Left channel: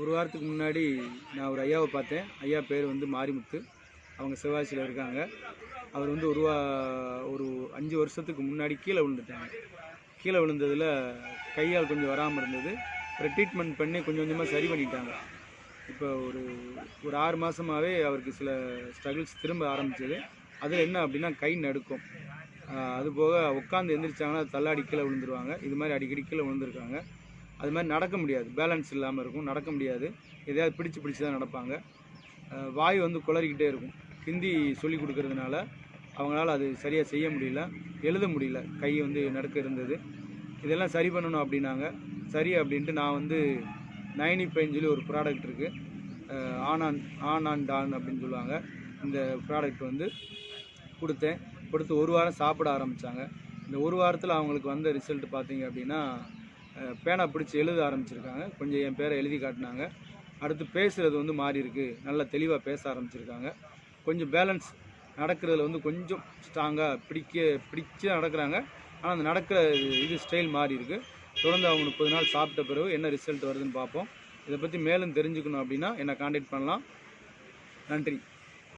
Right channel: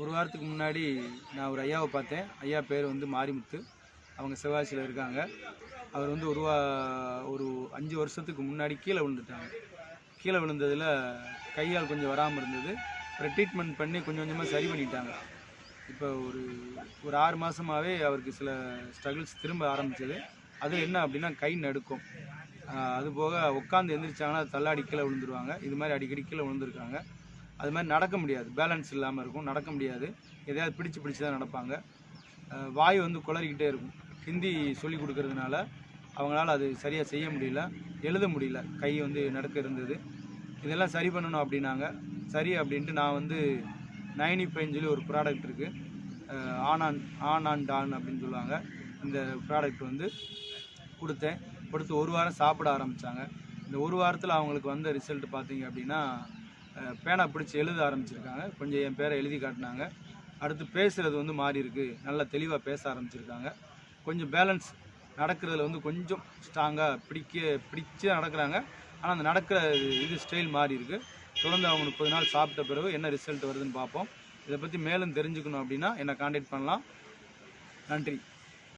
ஒரு வாரத்துக்கு முன்னாடி நான் ஒரு ஐயாவை பார்த்தேன். ஐயா பேர் வந்து மாரிமுத்து. அவங்க சிவகாசியில் இருக்காங்க. அவர் வந்து ஒரு 5 வருஷத்துக்கு முன்னாடி கீழே விழுந்துட்டாங்க. கீழே விழுந்ததில் கையால் கொஞ்சம் வராமல் இருந்தது. அப்புறம் ட்ரீட்மெண்ட் பண்ணி கொஞ்சம் கொஞ்சமாக சரி பண்ணிட்டாங்க. இப்போ ஒரு 6 மாதமாகவே அவருக்கு சில ஸ்ட்ரகிள்ஸ் திரும்ப ஆரம்பித்தது. அதில் என்ன அப்படின்னா கை நடுக்கும். அதுபோக உட்காந்து எந்திரிச்சாங்கன்னா தள்ளாடி கீழே விழுந்துருவாங்க. இது மாதிரி அடிக்கடி கீழே விழுந்துருக்காங்க. அது மாதிரி நடக்க முடியாது, பேலன்ஸ் இல்லாமல் இருக்கும், நடக்க முடியாது. எதையாவது பிடிச்சி தான் நடப்பாங்க. வாய் வந்து குளறிக்கிட்டே இருக்கும். ஹிந்தி சொல்லி கொடுக்கறதுனால அவங்களால அது சரியாக செய்ய முடியல, எழுத முடியல, கை வந்து நடுக்க இருந்தது. இதெல்லாம் சரி பண்ணணும் அப்படின்னாங்க. சரி அப்படின்ட்டு நான் வந்து 95 சொல்லி ஒரு ப்ராடக்ட் இருக்குது, ஆன் அண்ட் டான் அப்படின்னு சொல்லுவாங்க. இந்த ப்ராடக்ட் வந்து கொடுத்து ஒரு வாரம் சாப்பிட ஆரம்பித்தாங்க. இந்த ஒரு வாரத்தில் அவங்களுக்கு வந்த ரிசல்ட் பார்த்தீங்க அப்படின்னா பேனா பிடிச்சி எழுத ஆரம்பிச்சிருக்காங்க. கொஞ்சம் என் பேரை எழுதி காட்டினாங்க. அடுத்து பேசுகிறது வந்து மாறி இருக்குது, நல்லா தெளிவாக பேச ஆரம்பிச்சிருக்காங்க. கொஞ்சம் பேலன்ஸ் நடக்கிறதுல வந்து கொஞ்சம் ஸ்ட்ராங்காக பிடிச்சி நடக்கிறாங்க. ஆனால் அந்த நடக்கிற ஸ்டைல் மாறி இருக்குது. தொடர்ந்து அவங்க 30 நாள் சாப்பிட்ட பிறகு என்ன ரிசல்ட் வருதுன்னு பார்ப்போம். இதை பற்றி மேலும் தெரிஞ்சுக்கணும் அப்படின்னா என்னை கான்டாக்ட் பண்ணலாம். நன்றி.